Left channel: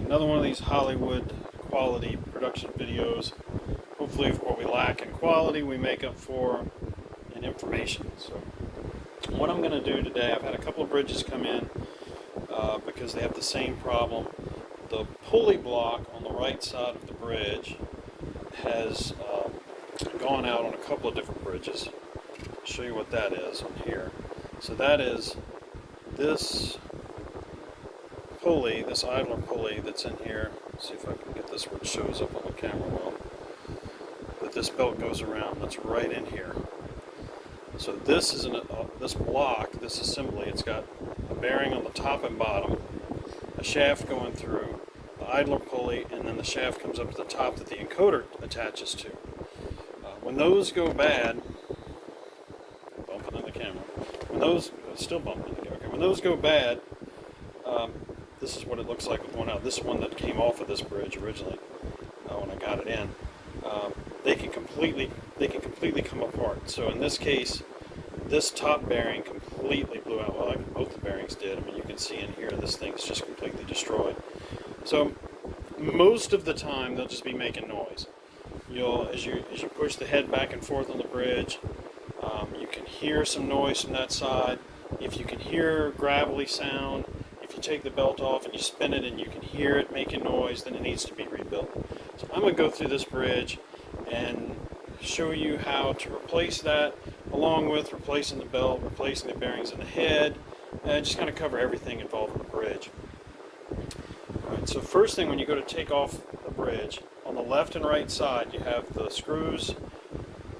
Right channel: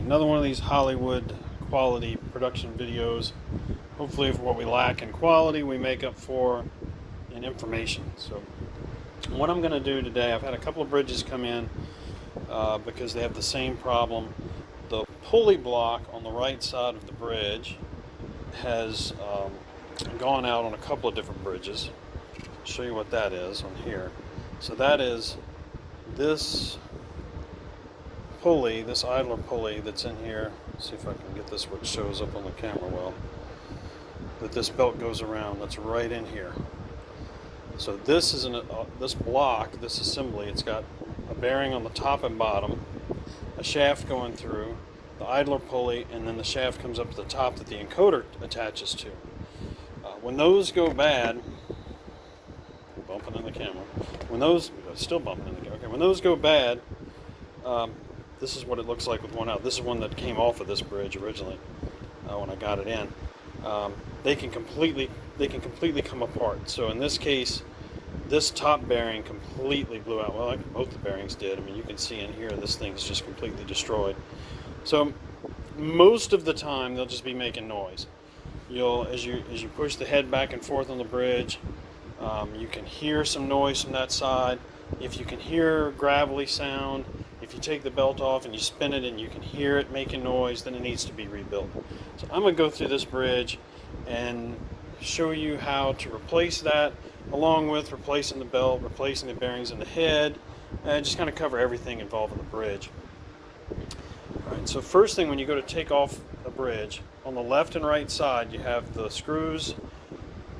Another one of these Hollywood quality production videos. Hopefully for what we lack in quality, we make up for in information. So what I'm going to do today, I've had a couple of bridges come in because they have the same problem. The pulley block on the right side of the bridge has gone out on a couple of different bridges. I'll show you what that is on here. So that is this pulley, this idler pulley that's in here. Let's see if I can get this where it shows up on the camera well. That this belt goes around, that's right in here. So this is this block, this assembly, it's got a bearing on the top and bottom, a shaft going through, the idler pulley, and then the shaft comes up to the top that the encoder attaches to. When those go bad, bumping in the camera, when those, still bumping in the camera, okay, when those go bad, this is what it looks like with one out. This is one that came off of this bridge originally when I got it in. They can completely come apart. So in this case, this top bearing completely blew out. Well, like both the bearings did. I mean, you can see in here, this thing's just completely destroyed. So most of the time, they'll just be making noise. As you push the head back and forth on the bridge, you can hear some noise from that side. If you can hear gravelly sound, if you take the belt off and you spin it and you can hear it making noise, then it needs to be rebuilt. So I'm going to go through this bridge and show you how to replace that, along with replacing the belt, replacing the bearings in the head, and just kind of cover everything involved in the bridge. Alright, so first thing, when you go to take off a bridge, on the left and right side you have the screws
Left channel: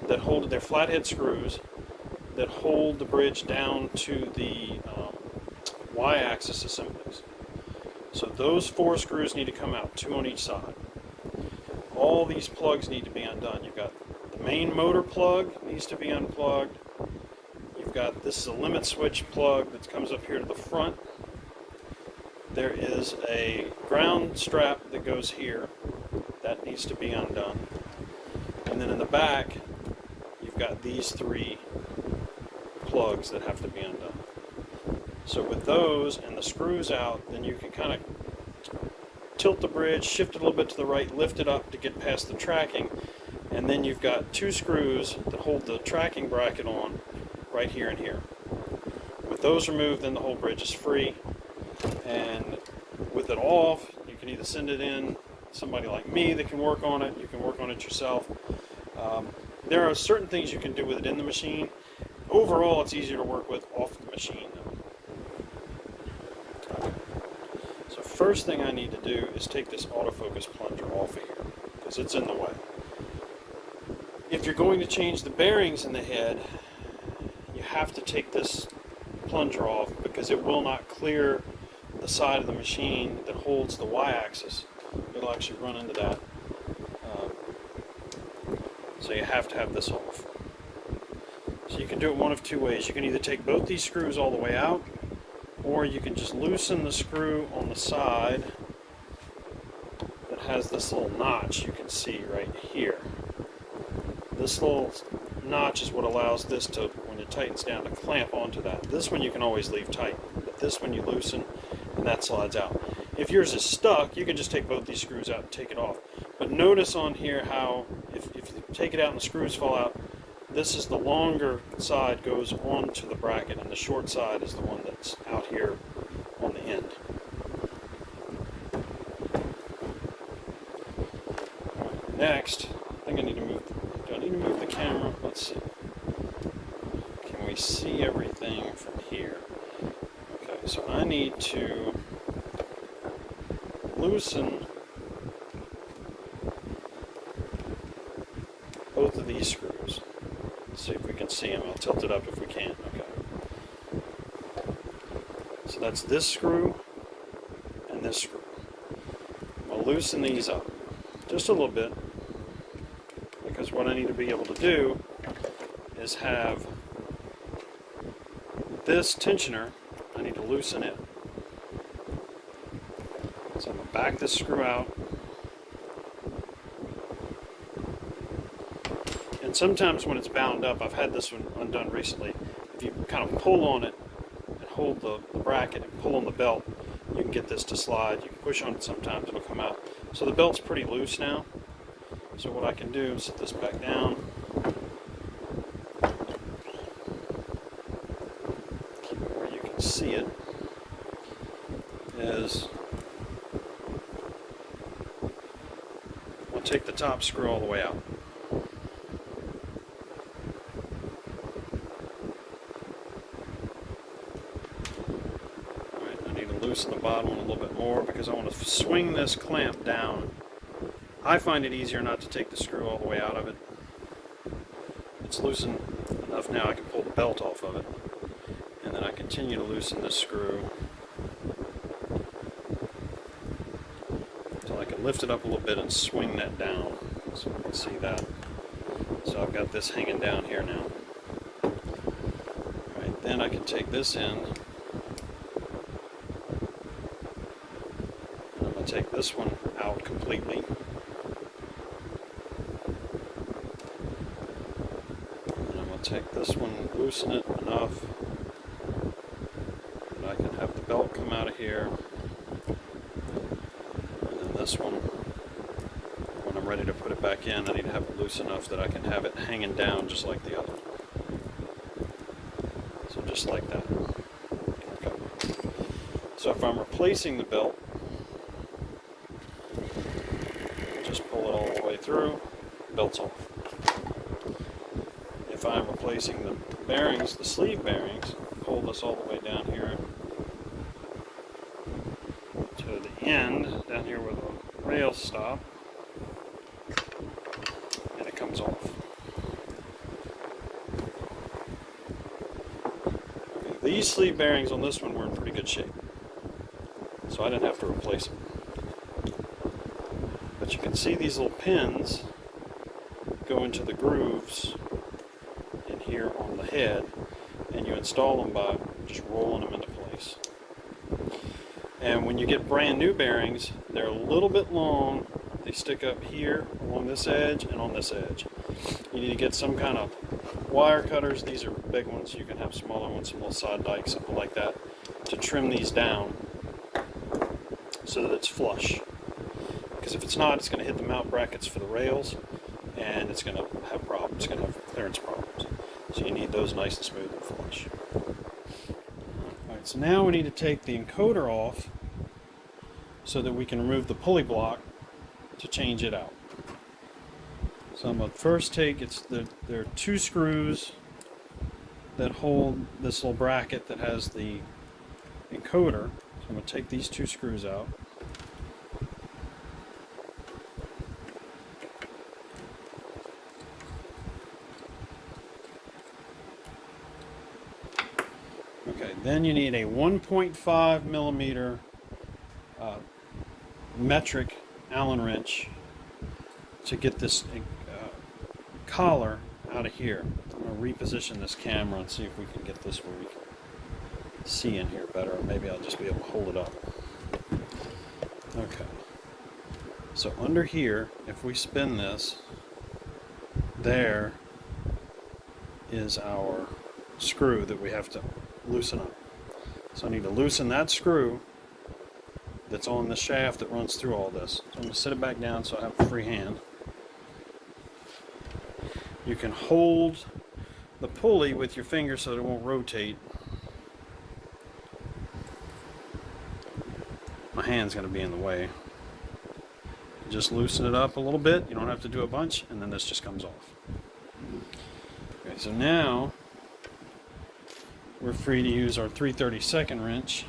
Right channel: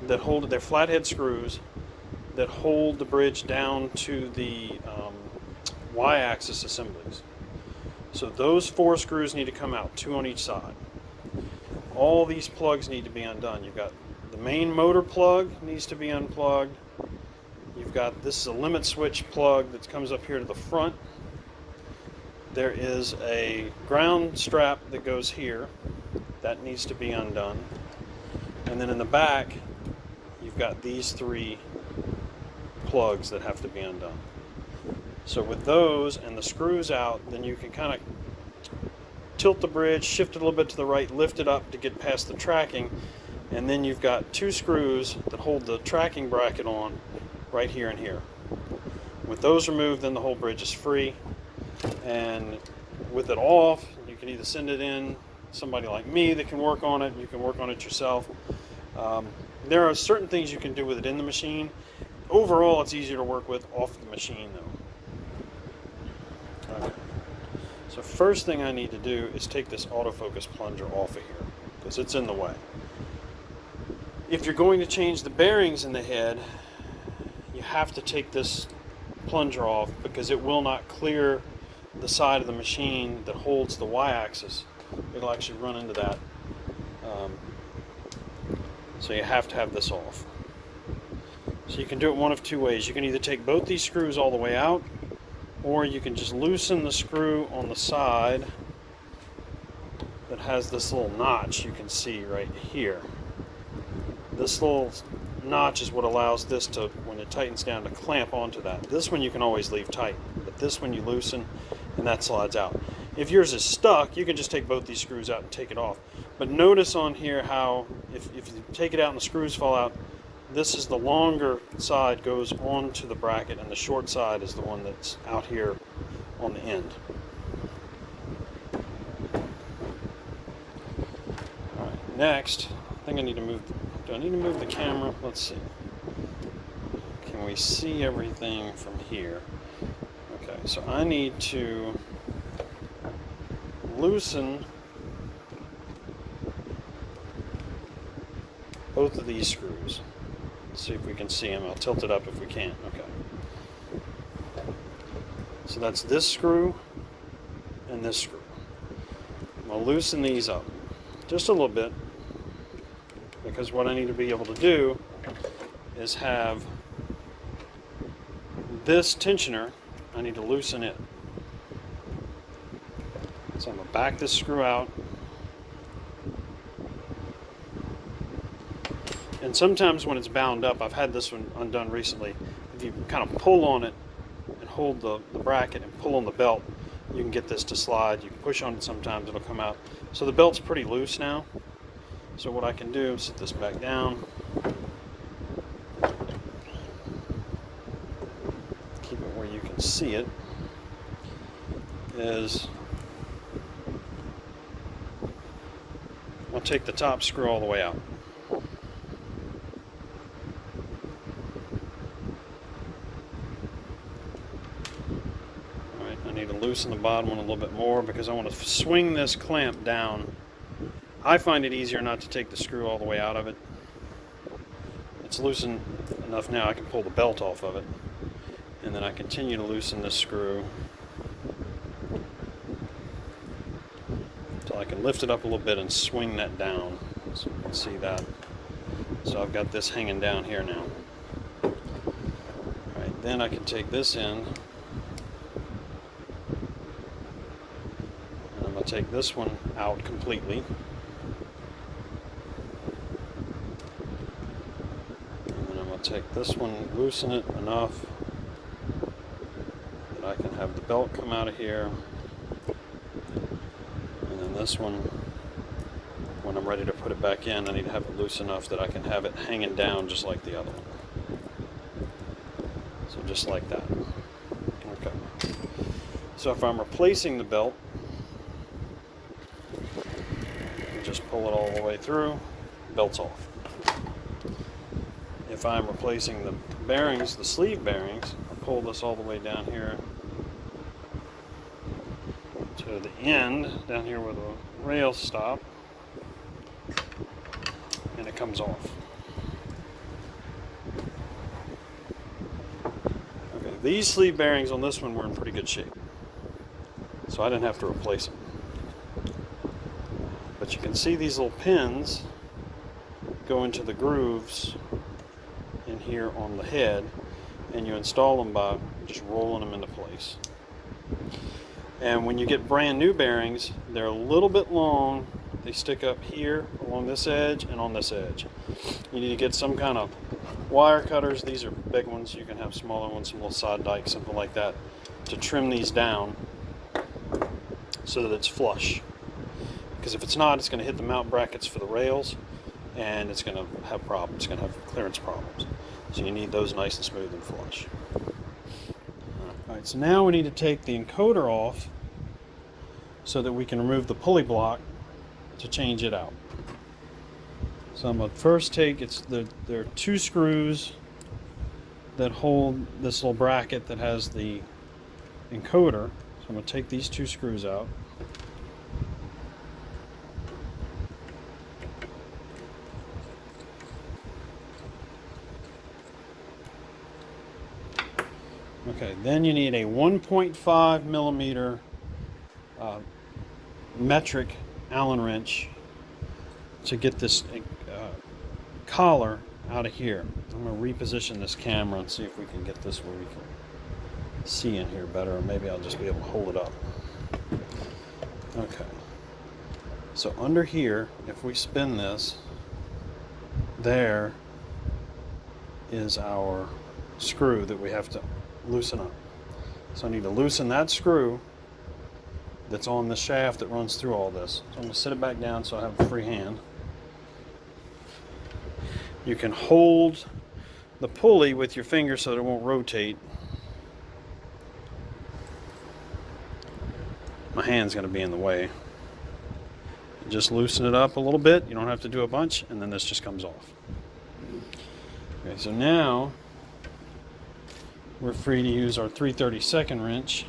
that hold, they're flathead screws that hold the bridge down to the Y-axis assemblies. So those 4 screws need to come out, 2 on each side. All these plugs need to be undone. You've got the main motor plug needs to be unplugged. You've got, this is a limit switch plug that comes up here to the front. There is a ground strap that goes here. That needs to be undone. And then in the back, you've got these 3 plugs that have to be undone. So with those and the screws out, then you can kind of tilt the bridge, shift it a little bit to the right, lift it up to get past the tracking, and then you've got 2 screws that hold the tracking bracket on right here and here. With those removed, then the whole bridge is free, and with it off, you can either send it in, somebody like me that can work on it, you can work on it yourself. There are certain things you can do with it in the machine. Overall, it's easier to work with off the machine though. Okay. So first thing I need to do is take this autofocus plunger off of here, because it's in the way. If you're going to change the bearings in the head, you have to take this plunger off, because it will not clear the side of the machine that holds the Y-axis. It'll actually run into that. So you have to have this off. So you can do it one of 2 ways. You can either take both these screws all the way out, or you can just loosen the screw on the side that has this little notch you can see right here. This little notch is what allows this to, when it tightens down, to clamp onto that. This one you can always leave tight, but this one you loosen and that slides out. If yours is stuck, you can just take both these screws out and take it off. But notice on here how if you take it out and the screws fall out, this is the longer side goes onto the bracket, and the short side is the one that's out here on the end. Alright, next, I think I need to move, do I need to move the camera? Let's see. Can we see everything from here? Okay, so I need to loosen both of these screws. Let's see if we can see them. I'll tilt it up if we can. Okay. So that's this screw and this screw. I'm going to loosen these up just a little bit, because what I need to be able to do is have this tensioner, I need to loosen it. So I'm going to back this screw out. And sometimes when it's bound up, I've had this one undone recently, if you kind of pull on it and hold the bracket and pull on the belt, you can get this to slide. You can push on it sometimes, it'll come out. So the belt's pretty loose now. So what I can do is set this back down. Keep it where you can see it. Is I'll take the top screw all the way out. Alright, I need to loosen the bottom one a little bit more because I want to swing this clamp down. I find it easier not to take the screw all the way out of it. It's loosened enough now I can pull the belt off of it. And then I continue to loosen this screw until I can lift it up a little bit and swing that down so I can see that. So I've got this hanging down here now. Alright, then I can take this in and I'm going to take this one out completely. Take this one, loosen it enough that I can have the belt come out of here, and then this one, when I'm ready to put it back in, I need to have it loose enough that I can have it hanging down just like the other one. So just like that. Okay. So if I'm replacing the belt, just pull it all the way through, belt's off. If I'm replacing the bearings, the sleeve bearings, I'll pull this all the way down here to the end, down here where the rails stop, and it comes off. Okay, these sleeve bearings on this one were in pretty good shape, so I didn't have to replace them. But you can see these little pins go into the grooves here on the head, and you install them by just rolling them into place. And when you get brand new bearings, they're a little bit long. They stick up here along this edge and on this edge. You need to get some kind of wire cutters. These are big ones. You can have smaller ones, some little side dikes, something like that, to trim these down so that it's flush. Because if it's not, it's going to hit the mount brackets for the rails and it's going to have problems. It's going to have clearance problems. So you need those nice and smooth and flush. Alright, so now we need to take the encoder off so that we can remove the pulley block to change it out. So I'm going to first take, there are two screws that hold this little bracket that has the encoder. So I'm going to take these two screws out. Okay, then you need a 1.5 millimeter metric Allen wrench to get this collar out of here. I'm going to reposition this camera and see if we can get this where we can see in here better, or maybe I'll just be able to hold it up. Okay, so under here, if we spin this, there is our screw that we have to loosen up. So I need to loosen that screw that's on the shaft that runs through all this. So I'm going to set it back down so I have a free hand. You can hold the pulley with your finger so that it won't rotate. My hand's going to be in the way. You just loosen it up a little bit. You don't have to do a bunch, and then this just comes off. Okay, so now we're free to use our 3/32 wrench.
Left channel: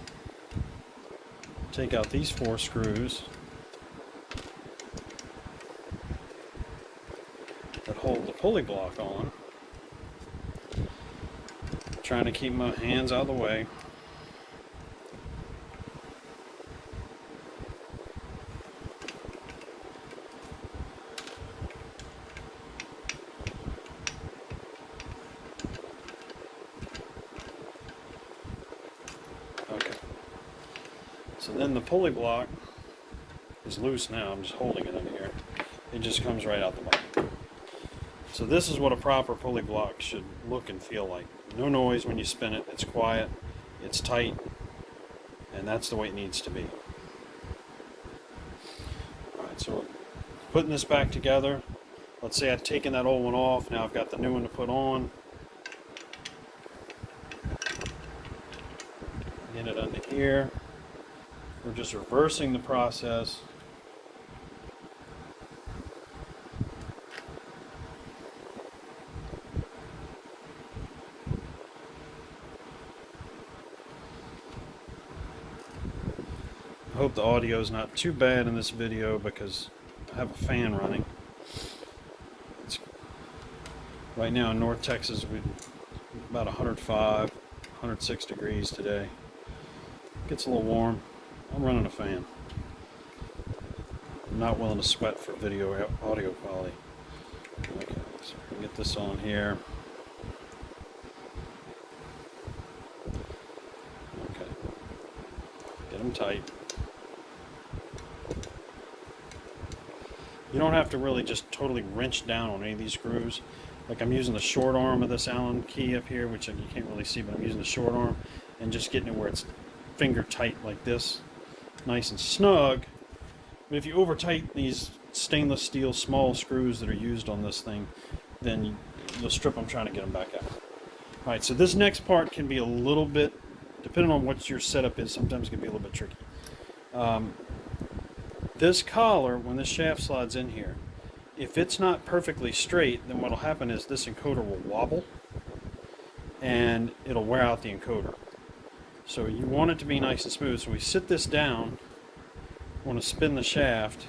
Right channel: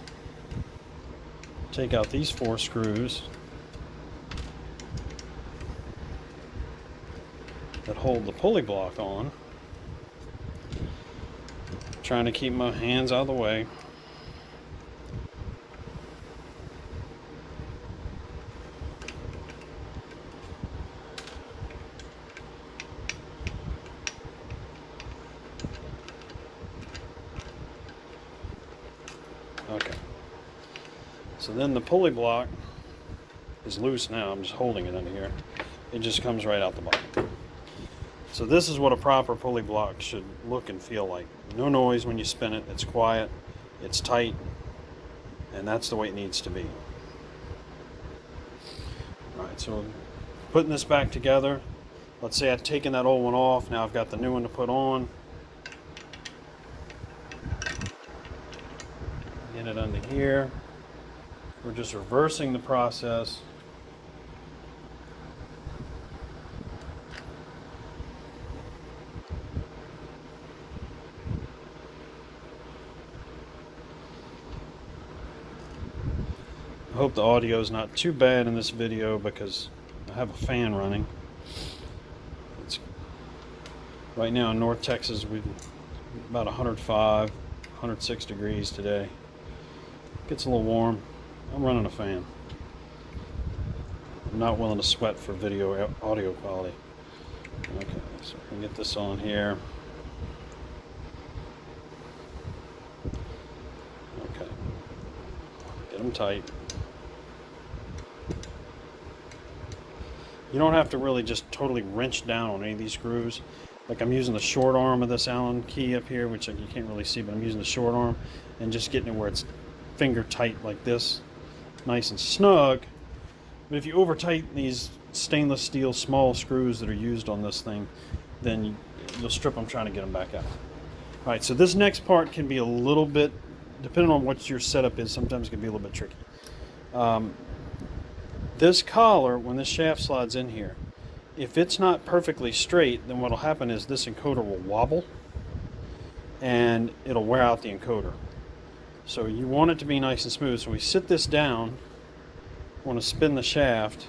Take out these 4 screws that hold the pulley block on. Trying to keep my hands out of the way. Okay. So then the pulley block is loose now. I'm just holding it under here. It just comes right out the bottom. So this is what a proper pulley block should look and feel like. No noise when you spin it. It's quiet. It's tight. And that's the way it needs to be. Alright, so putting this back together, let's say I've taken that old one off, now I've got the new one to put on. Get it under here. We're just reversing the process. I hope the audio is not too bad in this video because I have a fan running. It's, right now in North Texas, we've about 105, 106 degrees today. Gets a little warm. I'm running a fan. I'm not willing to sweat for video audio quality. Okay, so we can get this on here. Okay. Get them tight. You don't have to really just totally wrench down on any of these screws. Like I'm using the short arm of this Allen key up here, which you can't really see, but I'm using the short arm and just getting it where it's finger tight like this, nice and snug. But if you over tighten these stainless steel small screws that are used on this thing, then you'll strip them trying to get them back out. Alright, so this next part can be a little bit, depending on what your setup is, sometimes it can be a little bit tricky. This collar, when this shaft slides in here, if it's not perfectly straight, then what will happen is this encoder will wobble and it'll wear out the encoder. So you want it to be nice and smooth. So we sit this down, want to spin the shaft,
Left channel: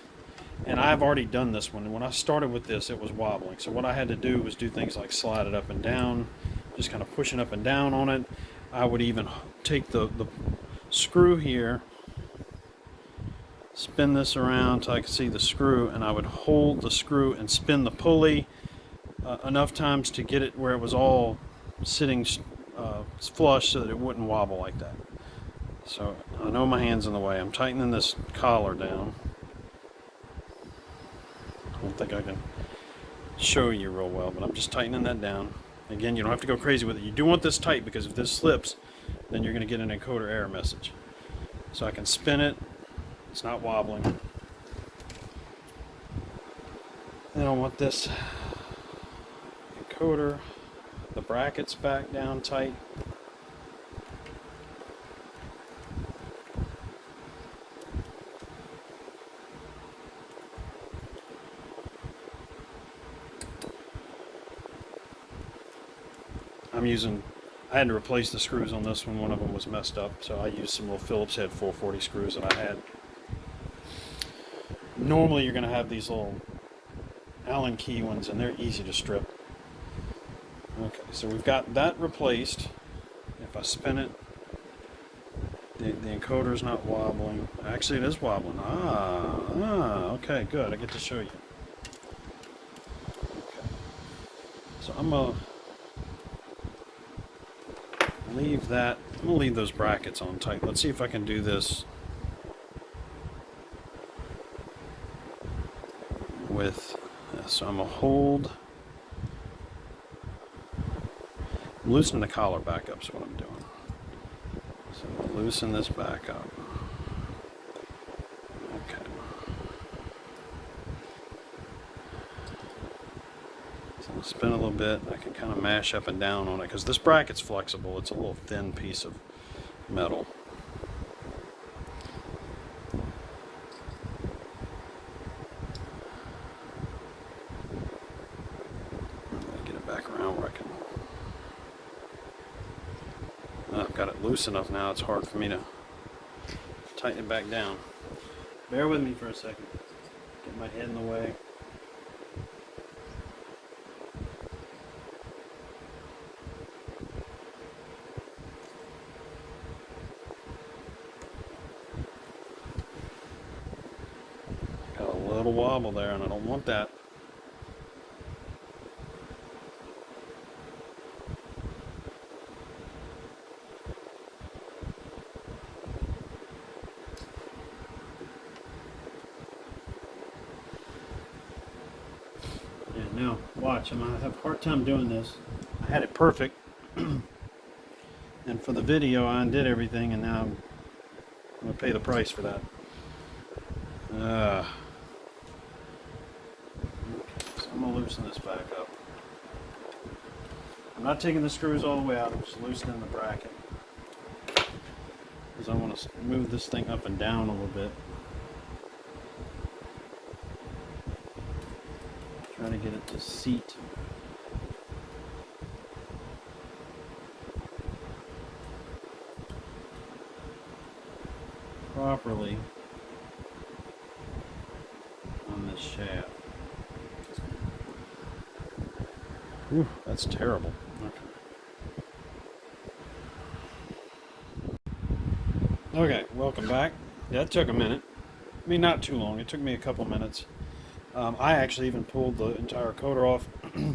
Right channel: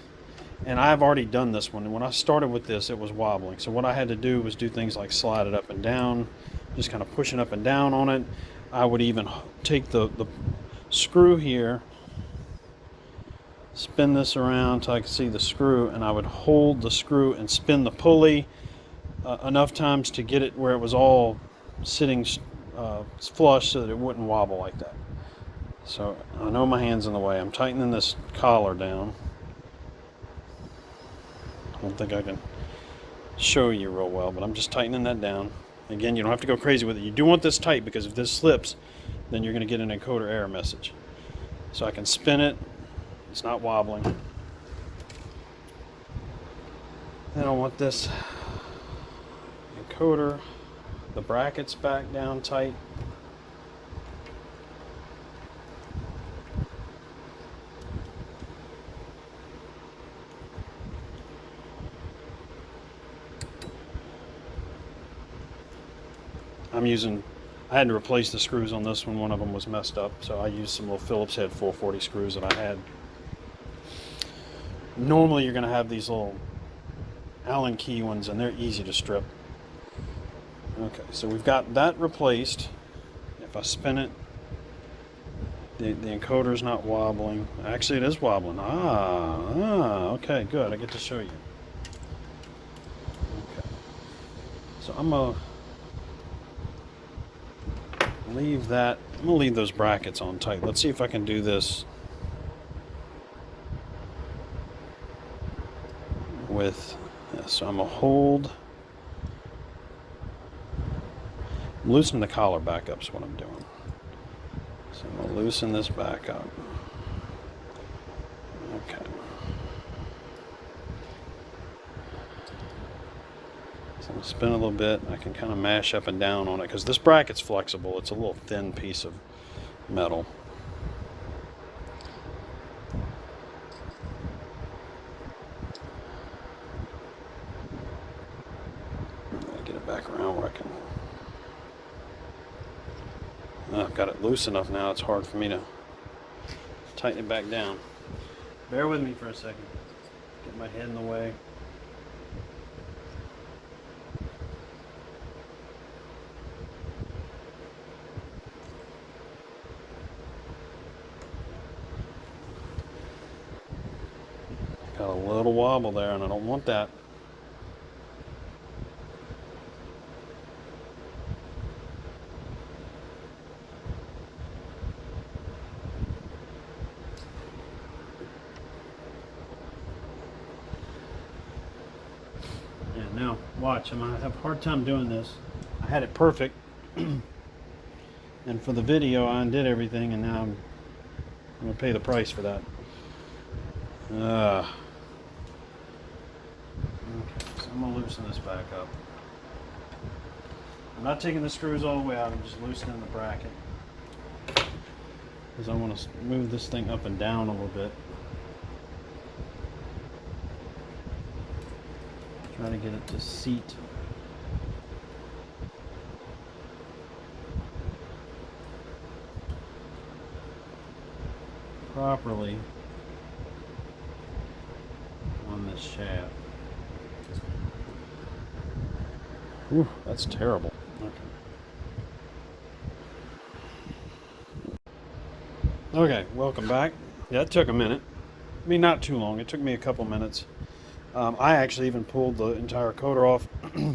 and I've already done this one. And when I started with this, it was wobbling. So what I had to do was do things like slide it up and down, just kind of pushing up and down on it. I would even take the screw here, spin this around so I can see the screw, and I would hold the screw and spin the pulley enough times to get it where it was all sitting flush so that it wouldn't wobble like that. So I know my hand's in the way. I'm tightening this collar down. I don't think I can show you real well, but I'm just tightening that down. Again, you don't have to go crazy with it. You do want this tight because if this slips, then you're going to get an encoder error message. So I can spin it. It's not wobbling. Then I want this encoder, the brackets back down tight. I had to replace the screws on this one. One of them was messed up, so I used some little Phillips head 440 screws that I had. Normally you're going to have these little Allen key ones, and they're easy to strip. Okay, so we've got that replaced. If I spin it, the encoder's not wobbling. Actually, it is wobbling. Okay, good. I get to show you. Okay, so I'm going to leave that. I'm going to leave those brackets on tight. Let's see if I can do this with this. So I'm going to hold, loosen the collar back up is what I'm doing. So I'm going to loosen this back up. Okay. So I'm going to spin a little bit. I can kind of mash up and down on it because this bracket's flexible. It's a little thin piece of metal. Back around where I can. I've got it loose enough now, it's hard for me to tighten it back down. Bear with me for a second. Get my head in the way. Got a little wobble there, and I don't want that. Now, watch, I'm going to have a hard time doing this. I had it perfect, and for the video I undid everything, and now I'm I'm gonna pay the price for that. Okay, so I'm gonna loosen this back up. I'm not taking the screws all the way out, I'm just loosening the bracket. Because I want to move this thing up and down a little bit. Trying to get it to seat. Properly on this shaft. Ooh, that's terrible. Okay, welcome back. Yeah, it took a minute. I mean, not too long. It took me a couple minutes. I actually even pulled the entire coater off,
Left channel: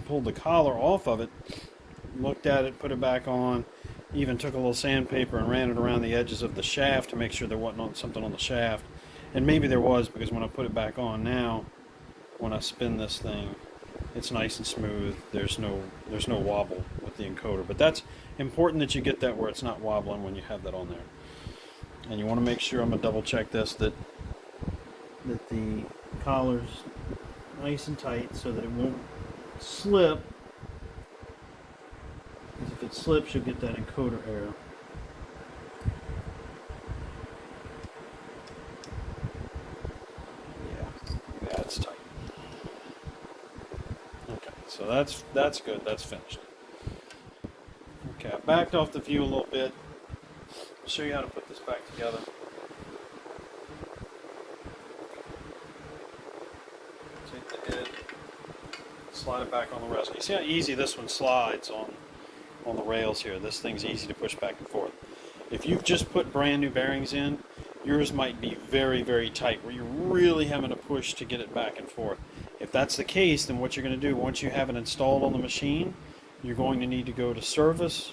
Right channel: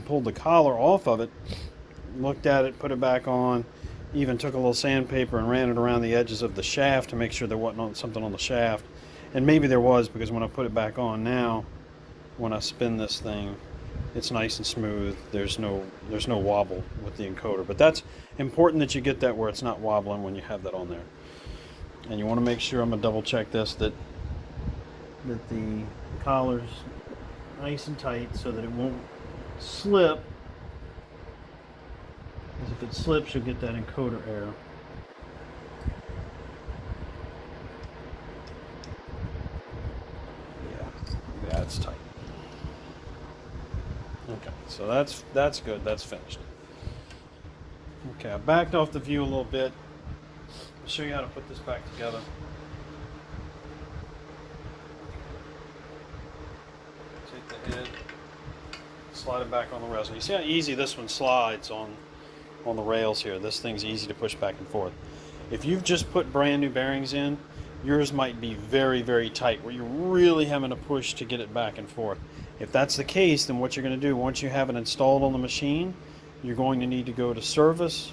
pulled the collar off of it, looked at it, put it back on, even took a little sandpaper and ran it around the edges of the shaft to make sure there wasn't something on the shaft. And maybe there was, because when I put it back on now, when I spin this thing, it's nice and smooth. There's no wobble with the encoder. But that's important that you get that where it's not wobbling when you have that on there. And you want to make sure, I'm going to double check this, that the collar's nice and tight so that it won't slip. Because if it slips, you'll get that encoder error. Yeah, it's tight. Okay, so that's good. That's finished. Okay, I backed off the view a little bit. I'll show you how to put this back together. Take the head, slide it back on the rails. You see how easy this one slides on the rails here. This thing's easy to push back and forth. If you've just put brand new bearings in, yours might be very, very tight, where you're really having to push to get it back and forth. If that's the case, then what you're going to do, once you have it installed on the machine, you're going to need to go to service,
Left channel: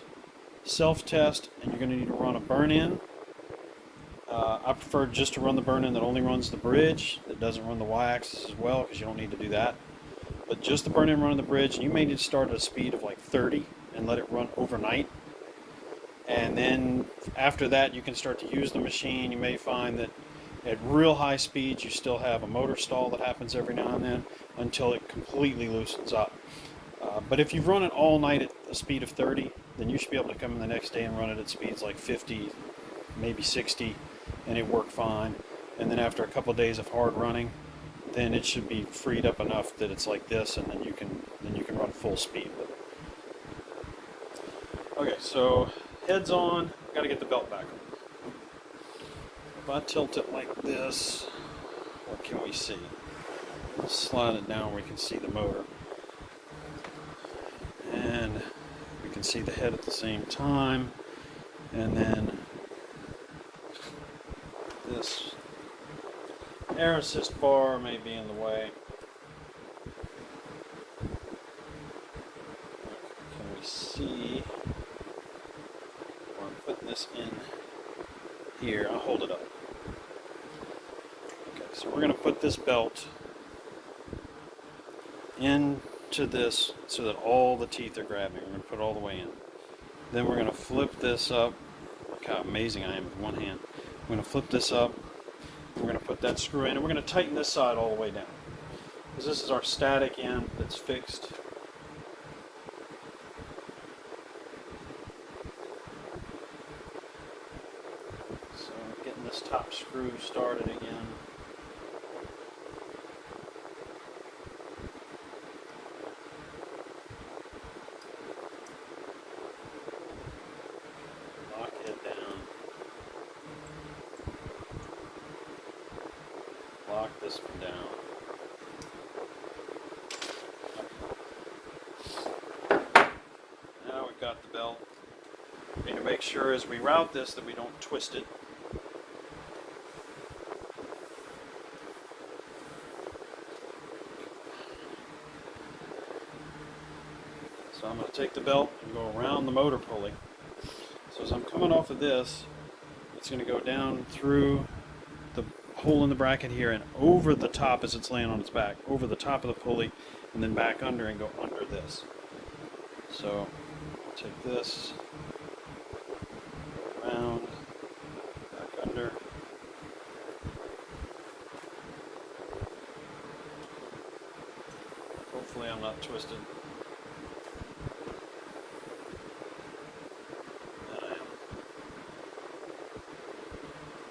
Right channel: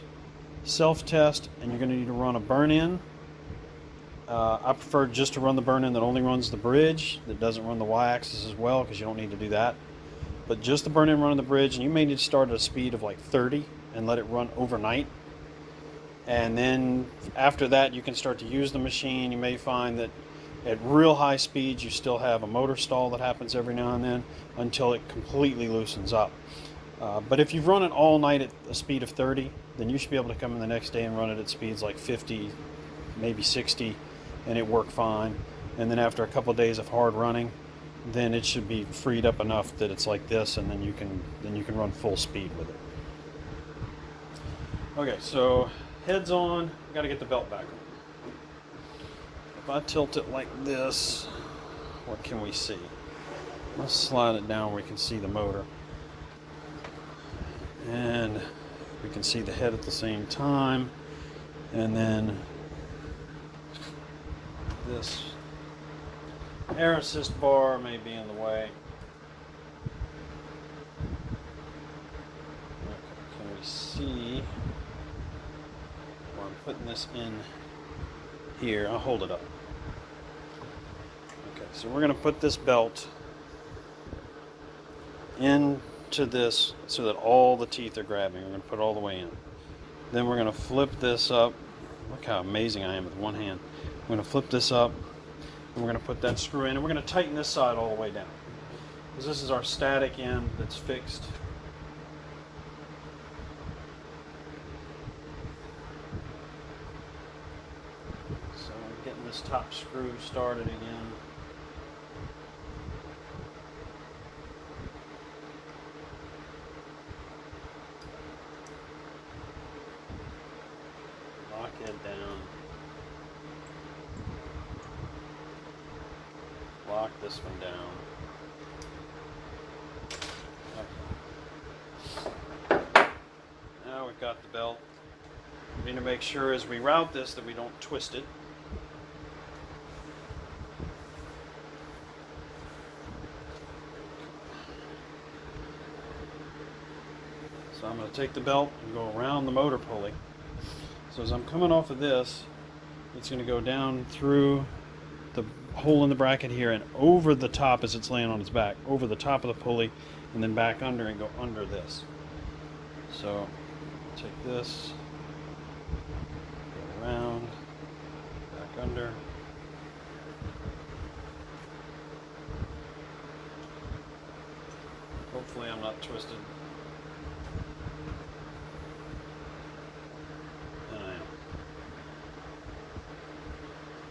self-test, and you're going to need to run a burn-in. I prefer just to run the burn-in that only runs the bridge, that doesn't run the y-axis as well, because you don't need to do that. But just the burn-in running the bridge, and you may need to start at a speed of like 30 and let it run overnight. And then after that, you can start to use the machine. You may find that at real high speeds, you still have a motor stall that happens every now and then until it completely loosens up. But if you've run it all night at a speed of 30, then you should be able to come in the next day and run it at speeds like 50, maybe 60, and it work fine. And then after a couple of days of hard running, then it should be freed up enough that it's like this, and then you can run full speed with it. Okay, so head's on. Got to get the belt back on. If I tilt it like this, what can we see? Let's slide it down where we can see the motor. And we can see the head at the same time. And then this air assist bar may be in the way. Can we see where I'm putting this in here? I'll hold it up. Okay, so we're going to put this belt into this so that all the teeth are grabbing. We're going to put it all the way in. Then we're going to flip this up. Look how amazing I am with one hand. We're going to flip this up. And we're going to put that screw in, and we're going to tighten this side all the way down. Because this is our static end that's fixed. So getting this top screw started again. Lock it down. Lock this one down. Okay. Now we've got the belt. We need to make sure as we route this that we don't twist it. So I'm going to take the belt and go around the motor pulley. So as I'm coming off of this, it's going to go down through the hole in the bracket here and over the top as it's laying on its back, over the top of the pulley, and then back under and go under this. So take this, go around, back under, Hopefully I'm not twisted. And I am.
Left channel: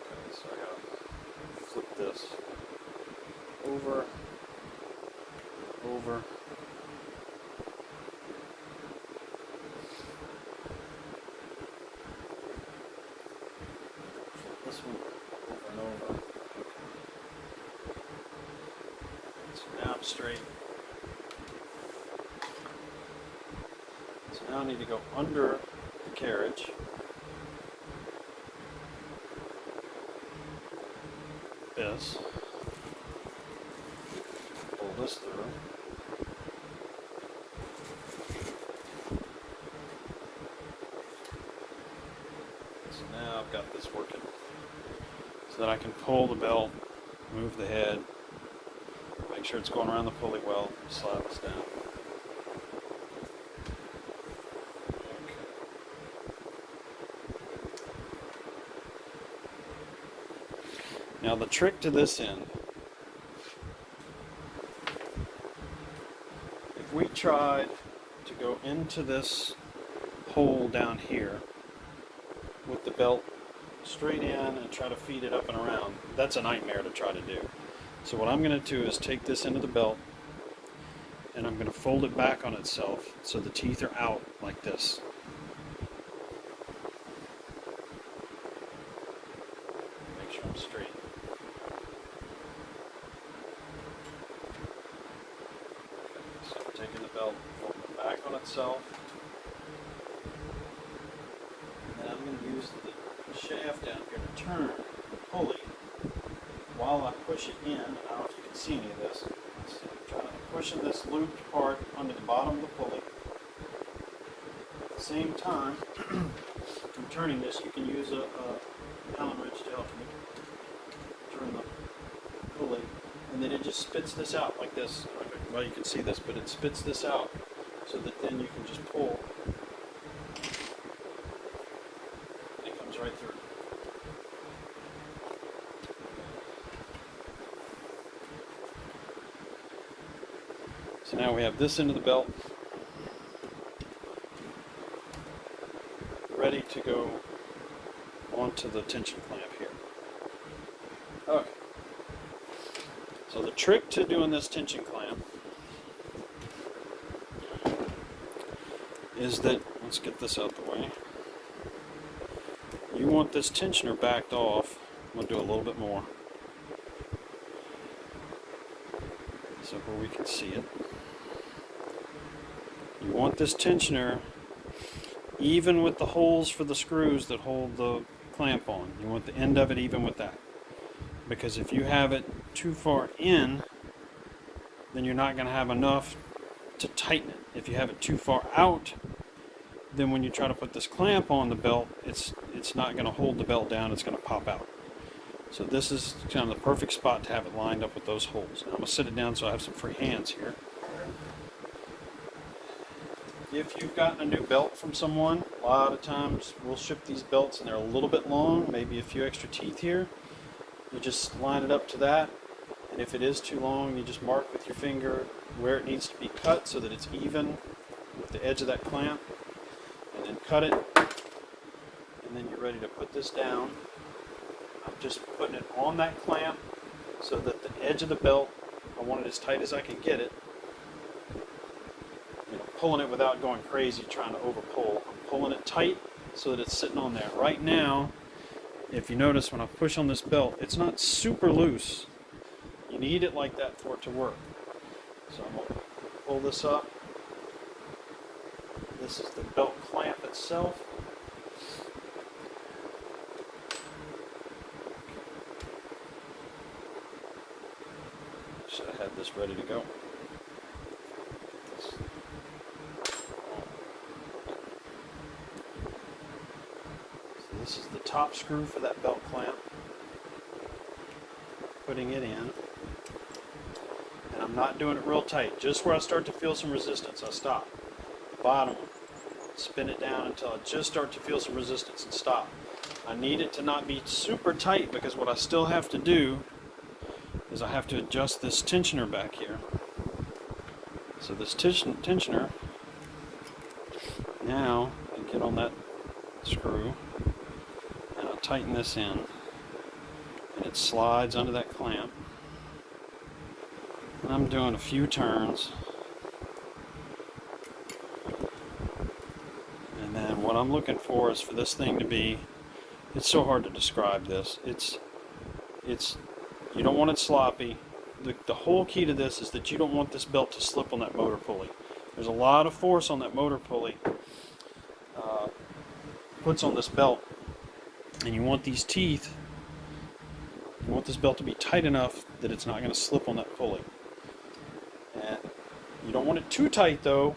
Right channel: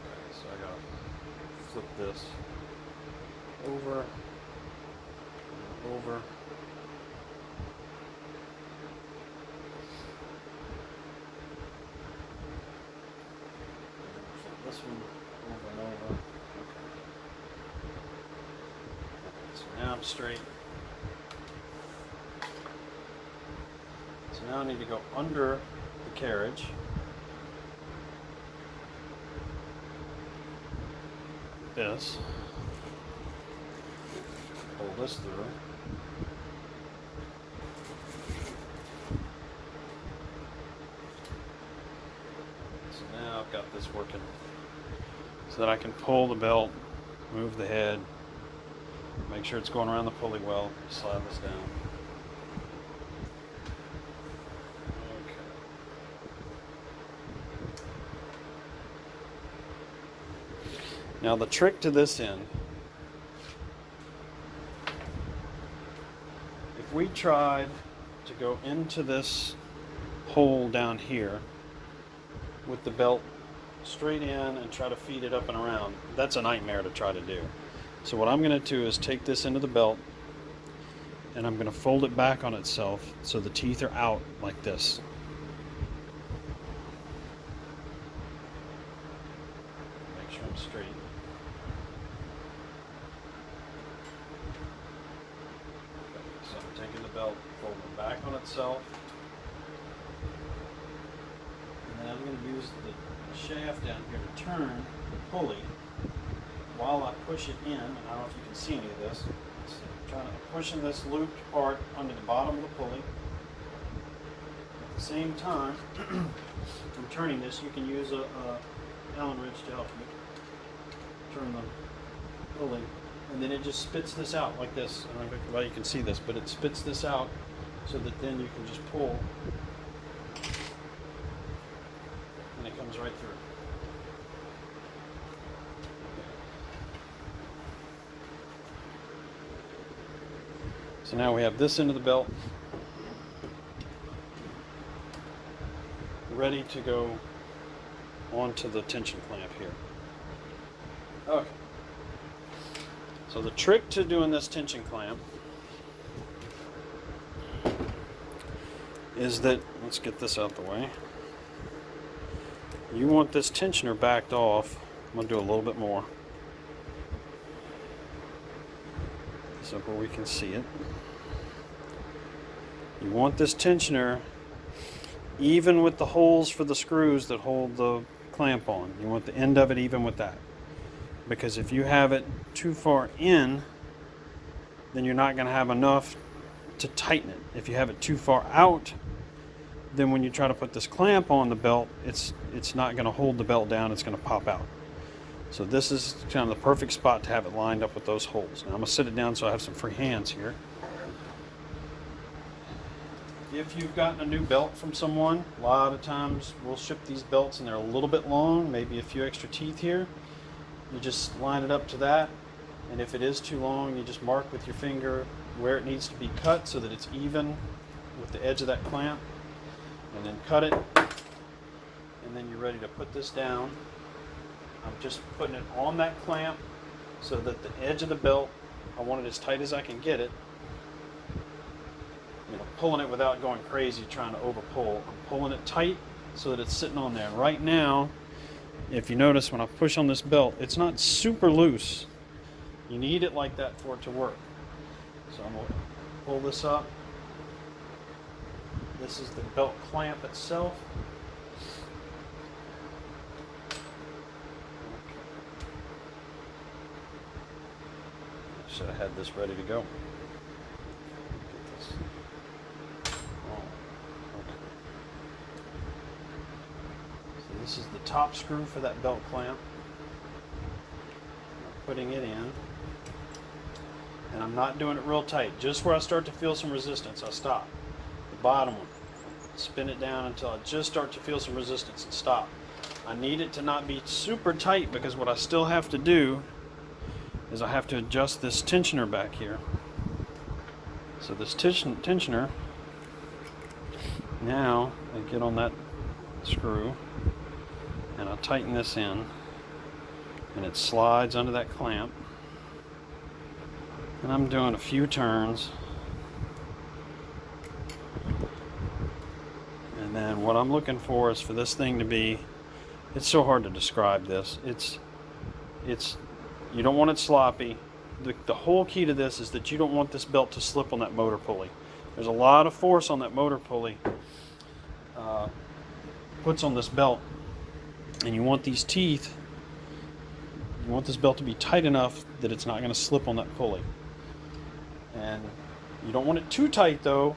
Okay, so I gotta flip this over and over. Flip this one over and over. Okay. So now I'm straight. So now I need to go under the carriage. This. Pull this through. So now I've got this working so that I can pull the belt, move the head, make sure it's going around the pulley well, slide this down. Now the trick to this end, if we tried to go into this hole down here with the belt straight in and try to feed it up and around, that's a nightmare to try to do. So what I'm going to do is take this into the belt and I'm going to fold it back on itself so the teeth are out like this. Make sure I'm straight. So I'm taking the belt, folding it back on itself, and then I'm going to use the shaft down here to turn the pulley while I push it in. I don't know if you can see any of this. So I'm trying to pushing this looped part under the bottom of the pulley. At the same time, I'm turning this. You can use a Allen wrench to help you turn the pulley, and then it just spits this out like this. Well, you can see this, but it spits this out so that then you can just pull, and it comes right through. So now we have this end of the belt ready to go onto the tension clamp here. Okay. So the trick to doing this tension clamp is that, let's get this out the way. You want this tensioner backed off. I'm going to do a little bit more so where we can see it. You want this tensioner even with the holes for the screws that hold the clamp on. You want the end of it even with that. Because if you have it too far in, then you're not going to have enough to tighten it. If you have it too far out, then when you try to put this clamp on the belt, it's not going to hold the belt down, it's going to pop out. So this is kind of the perfect spot to have it lined up with those holes. And I'm going to sit it down so I have some free hands here. If you've gotten a new belt from someone, a lot of times we'll ship these belts and they're a little bit long, maybe a few extra teeth here. You just line it up to that, and if it is too long, you just mark with your finger where it needs to be cut so that it's even with the edge of that clamp, and then cut it, and then you're ready to put this down. I'm just putting it on that clamp so that the edge of the belt, I want it as tight as I can get it. You know, pulling it without going crazy, trying to over pull. I'm pulling it tight so that it's sitting on there. Right now, if you notice when I push on this belt, it's not super loose. You need it like that for it to work. So I'm going to pull this up. This is the belt clamp itself. Should have had this ready to go. This is the top screw for that belt clamp. Putting it in. And I'm not doing it real tight. Just where I start to feel some resistance, I stop. The bottom one. Spin it down until I just start to feel some resistance and stop. I need it to not be super tight because what I still have to do is I have to adjust this tensioner back here So this tensioner, now I get on that screw and I tighten this in, and it slides under that clamp, and I'm doing a few turns, and then what I'm looking for is for this thing to be, it's so hard to describe this, it's you don't want it sloppy. The whole key to this is that you don't want this belt to slip on that motor pulley. There's a lot of force on that motor pulley puts on this belt, and you want these teeth, you want this belt to be tight enough that it's not going to slip on that pulley. And you don't want it too tight though,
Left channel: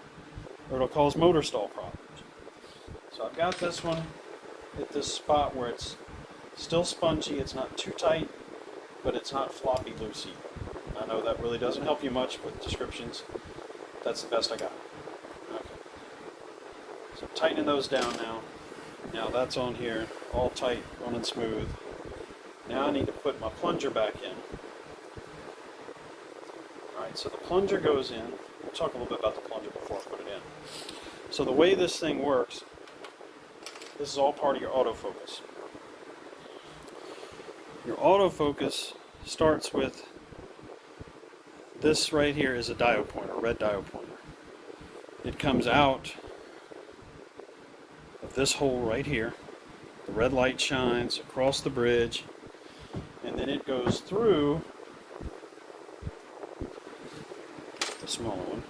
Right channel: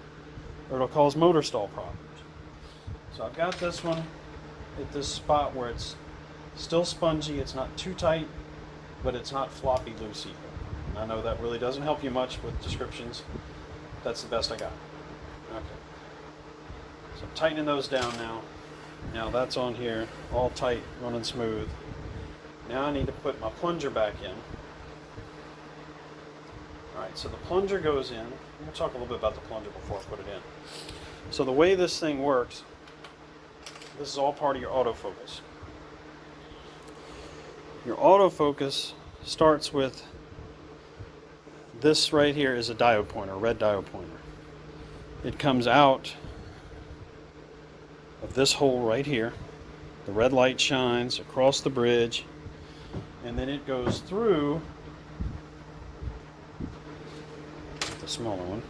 or it'll cause motor stall problems. So I've got this one at this spot where it's still spongy, it's not too tight, but it's not floppy loose either. I know that really doesn't help you much with descriptions. That's the best I got. Okay. So I'm tightening those down now. Now that's on here, all tight, running smooth. Now I need to put my plunger back in. Alright, so the plunger goes in. We'll talk a little bit about the plunger before I put it in. So the way this thing works, this is all part of your autofocus. Your autofocus starts with this right here is a diode pointer, a red diode pointer. It comes out of this hole right here. The red light shines across the bridge, and then it goes through the smaller one.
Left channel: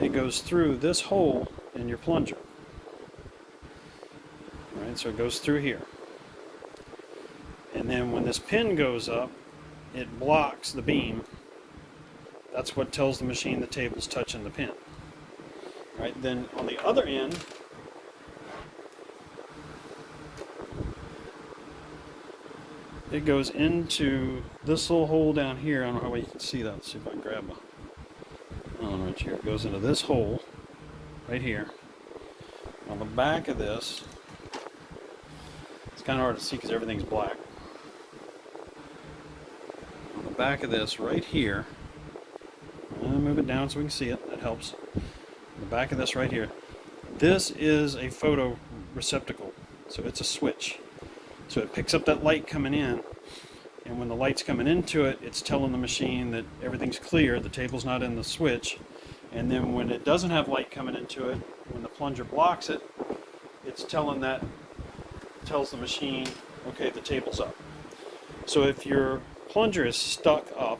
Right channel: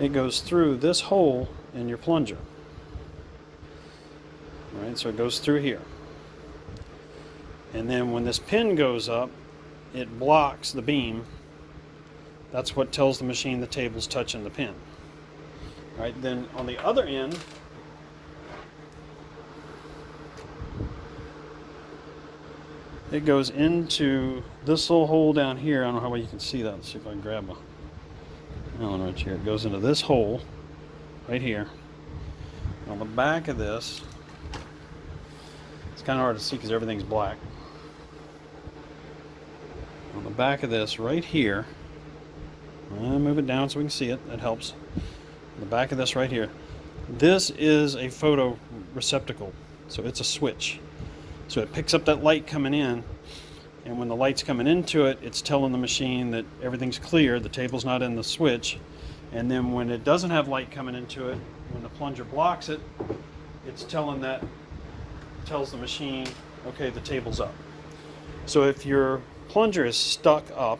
It goes through this hole in your plunger. All right, so it goes through here. And then when this pin goes up, it blocks the beam. That's what tells the machine the table's touching the pin. All right, then on the other end, it goes into this little hole down here. I don't know how well you can see that. Let's see if I can grab a Allen wrench here. It goes into this hole right here. On the back of this, it's kind of hard to see because everything's black. On the back of this right here, I'll move it down so we can see it. That helps. On the back of this right here, this is a photo receptacle, so it's a switch. So it picks up that light coming in, and when the light's coming into it, it's telling the machine that everything's clear, the table's not in the switch. And then when it doesn't have light coming into it, when the plunger blocks it, it's tells the machine, okay, the table's up. So if your plunger is stuck up,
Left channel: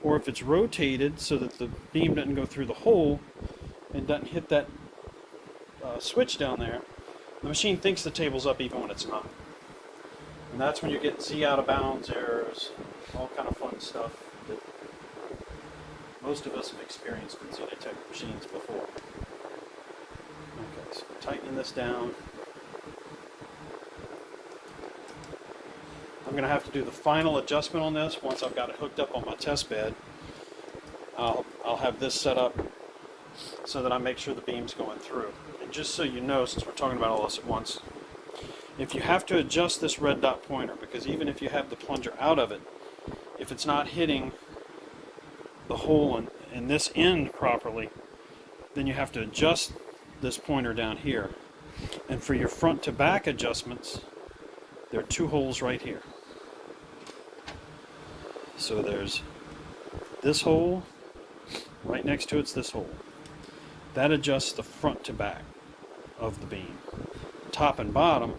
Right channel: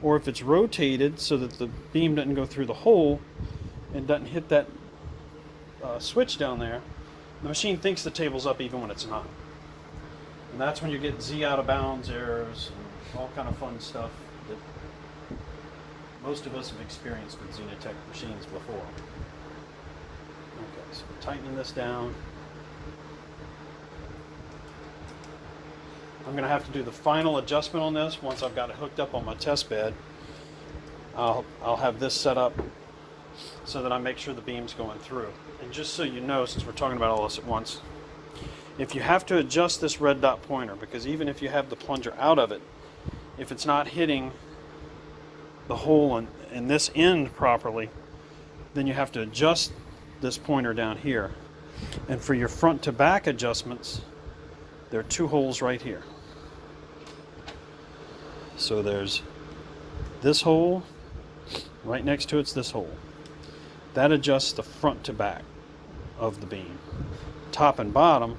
or if it's rotated so that the beam doesn't go through the hole and doesn't hit that switch down there, the machine thinks the table's up even when it's not. And that's when you get Z out of bounds errors and all kind of fun stuff that most of us have experienced in Xenetech machines before. Okay, so tightening this down. I'm going to have to do the final adjustment on this once I've got it hooked up on my test bed. I'll have this set up so that I make sure the beam's going through. And just so you know, since we're talking about all this at once, if you have to adjust this red dot pointer, because even if you have the plunger out of it, if it's not hitting the hole in this end properly, then you have to adjust this pointer down here. And for your front to back adjustments, there are two holes right here. So there's this hole, right next to it's this hole. That adjusts the front to back of the beam. Top and bottom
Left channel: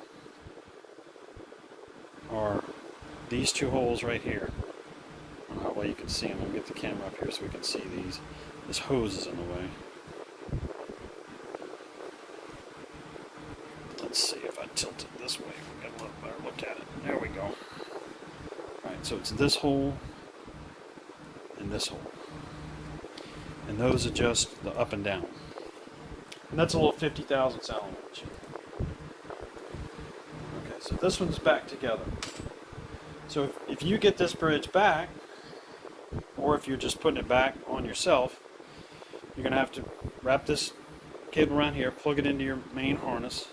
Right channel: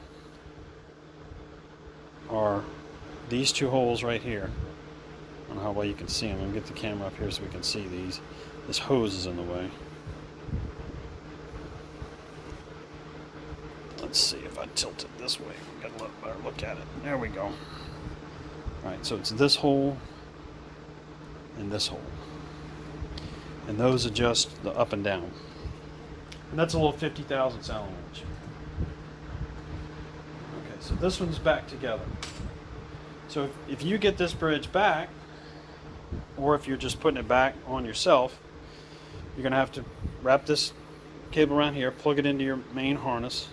are these two holes right here. I don't know how well you can see them. I'll get the camera up here so we can see these. This hose is in the way. Let's see if I tilt it this way. Get a little better look at it. There we go. Alright, so it's this hole and this hole. And those adjust the up and down. And that's a little 50 thousandths Allen wrench. Okay, so this one's back together. So if you get this bridge back, or if you're just putting it back on yourself, you're going to have to wrap this cable around here, plug it into your main harness.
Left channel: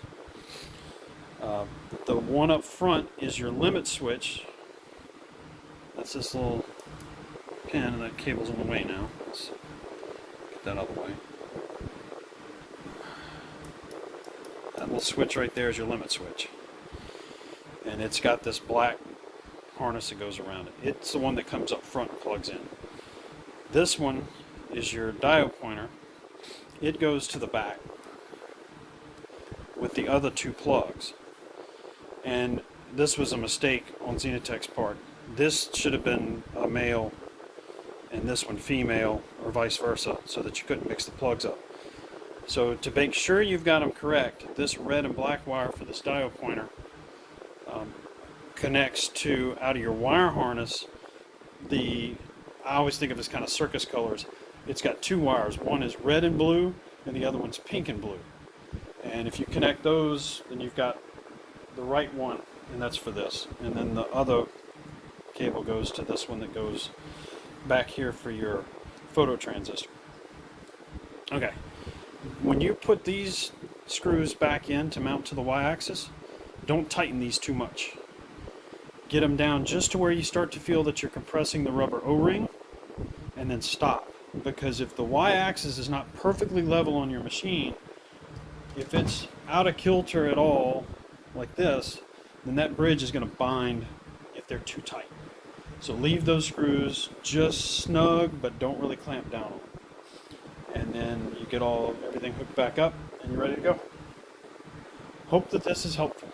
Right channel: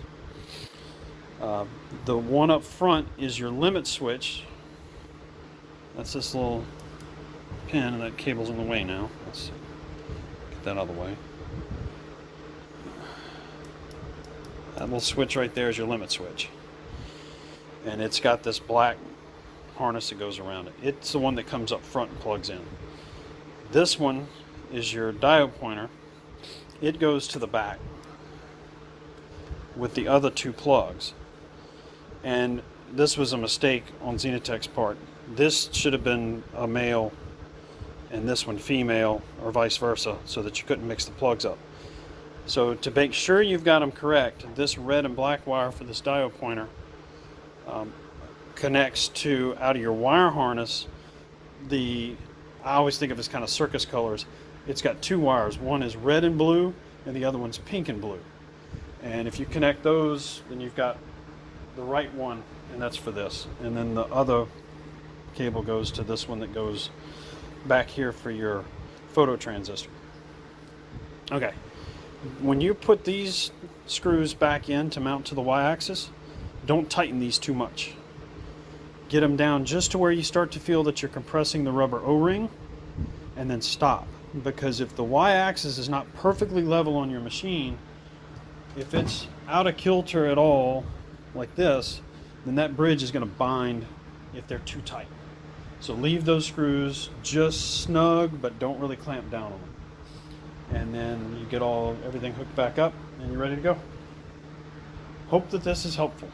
The one up front is your limit switch. That's this little pin, and that cable's in the way now. Let's get that out of the way. That little switch right there is your limit switch. And it's got this black harness that goes around it. It's the one that comes up front and plugs in. This one is your diode pointer. It goes to the back with the other two plugs. And this was a mistake on Xenetech's part. This should have been a male and this one female, or vice versa, so that you couldn't mix the plugs up. So to make sure you've got them correct, this red and black wire for this diode pointer connects to, out of your wire harness, I always think of it as kind of circus colors. It's got two wires. One is red and blue, and the other one's pink and blue. And if you connect those, then you've got the right one, and that's for this. And then the other cable goes to this one that goes back here for your photo transistor. Okay, when you put these screws back in to mount to the y-axis, don't tighten these too much. Get them down just to where you start to feel that you're compressing the rubber O-ring, and then stop. Because if the y-axis is not perfectly level on your machine, if it's out of kilter at all, like this, then that bridge is going to bind if they're too tight. So leave those screws just snug, but don't really clamp down on them. And then you get everything hooked back up, and you're ready to go. Hope that this is helpful.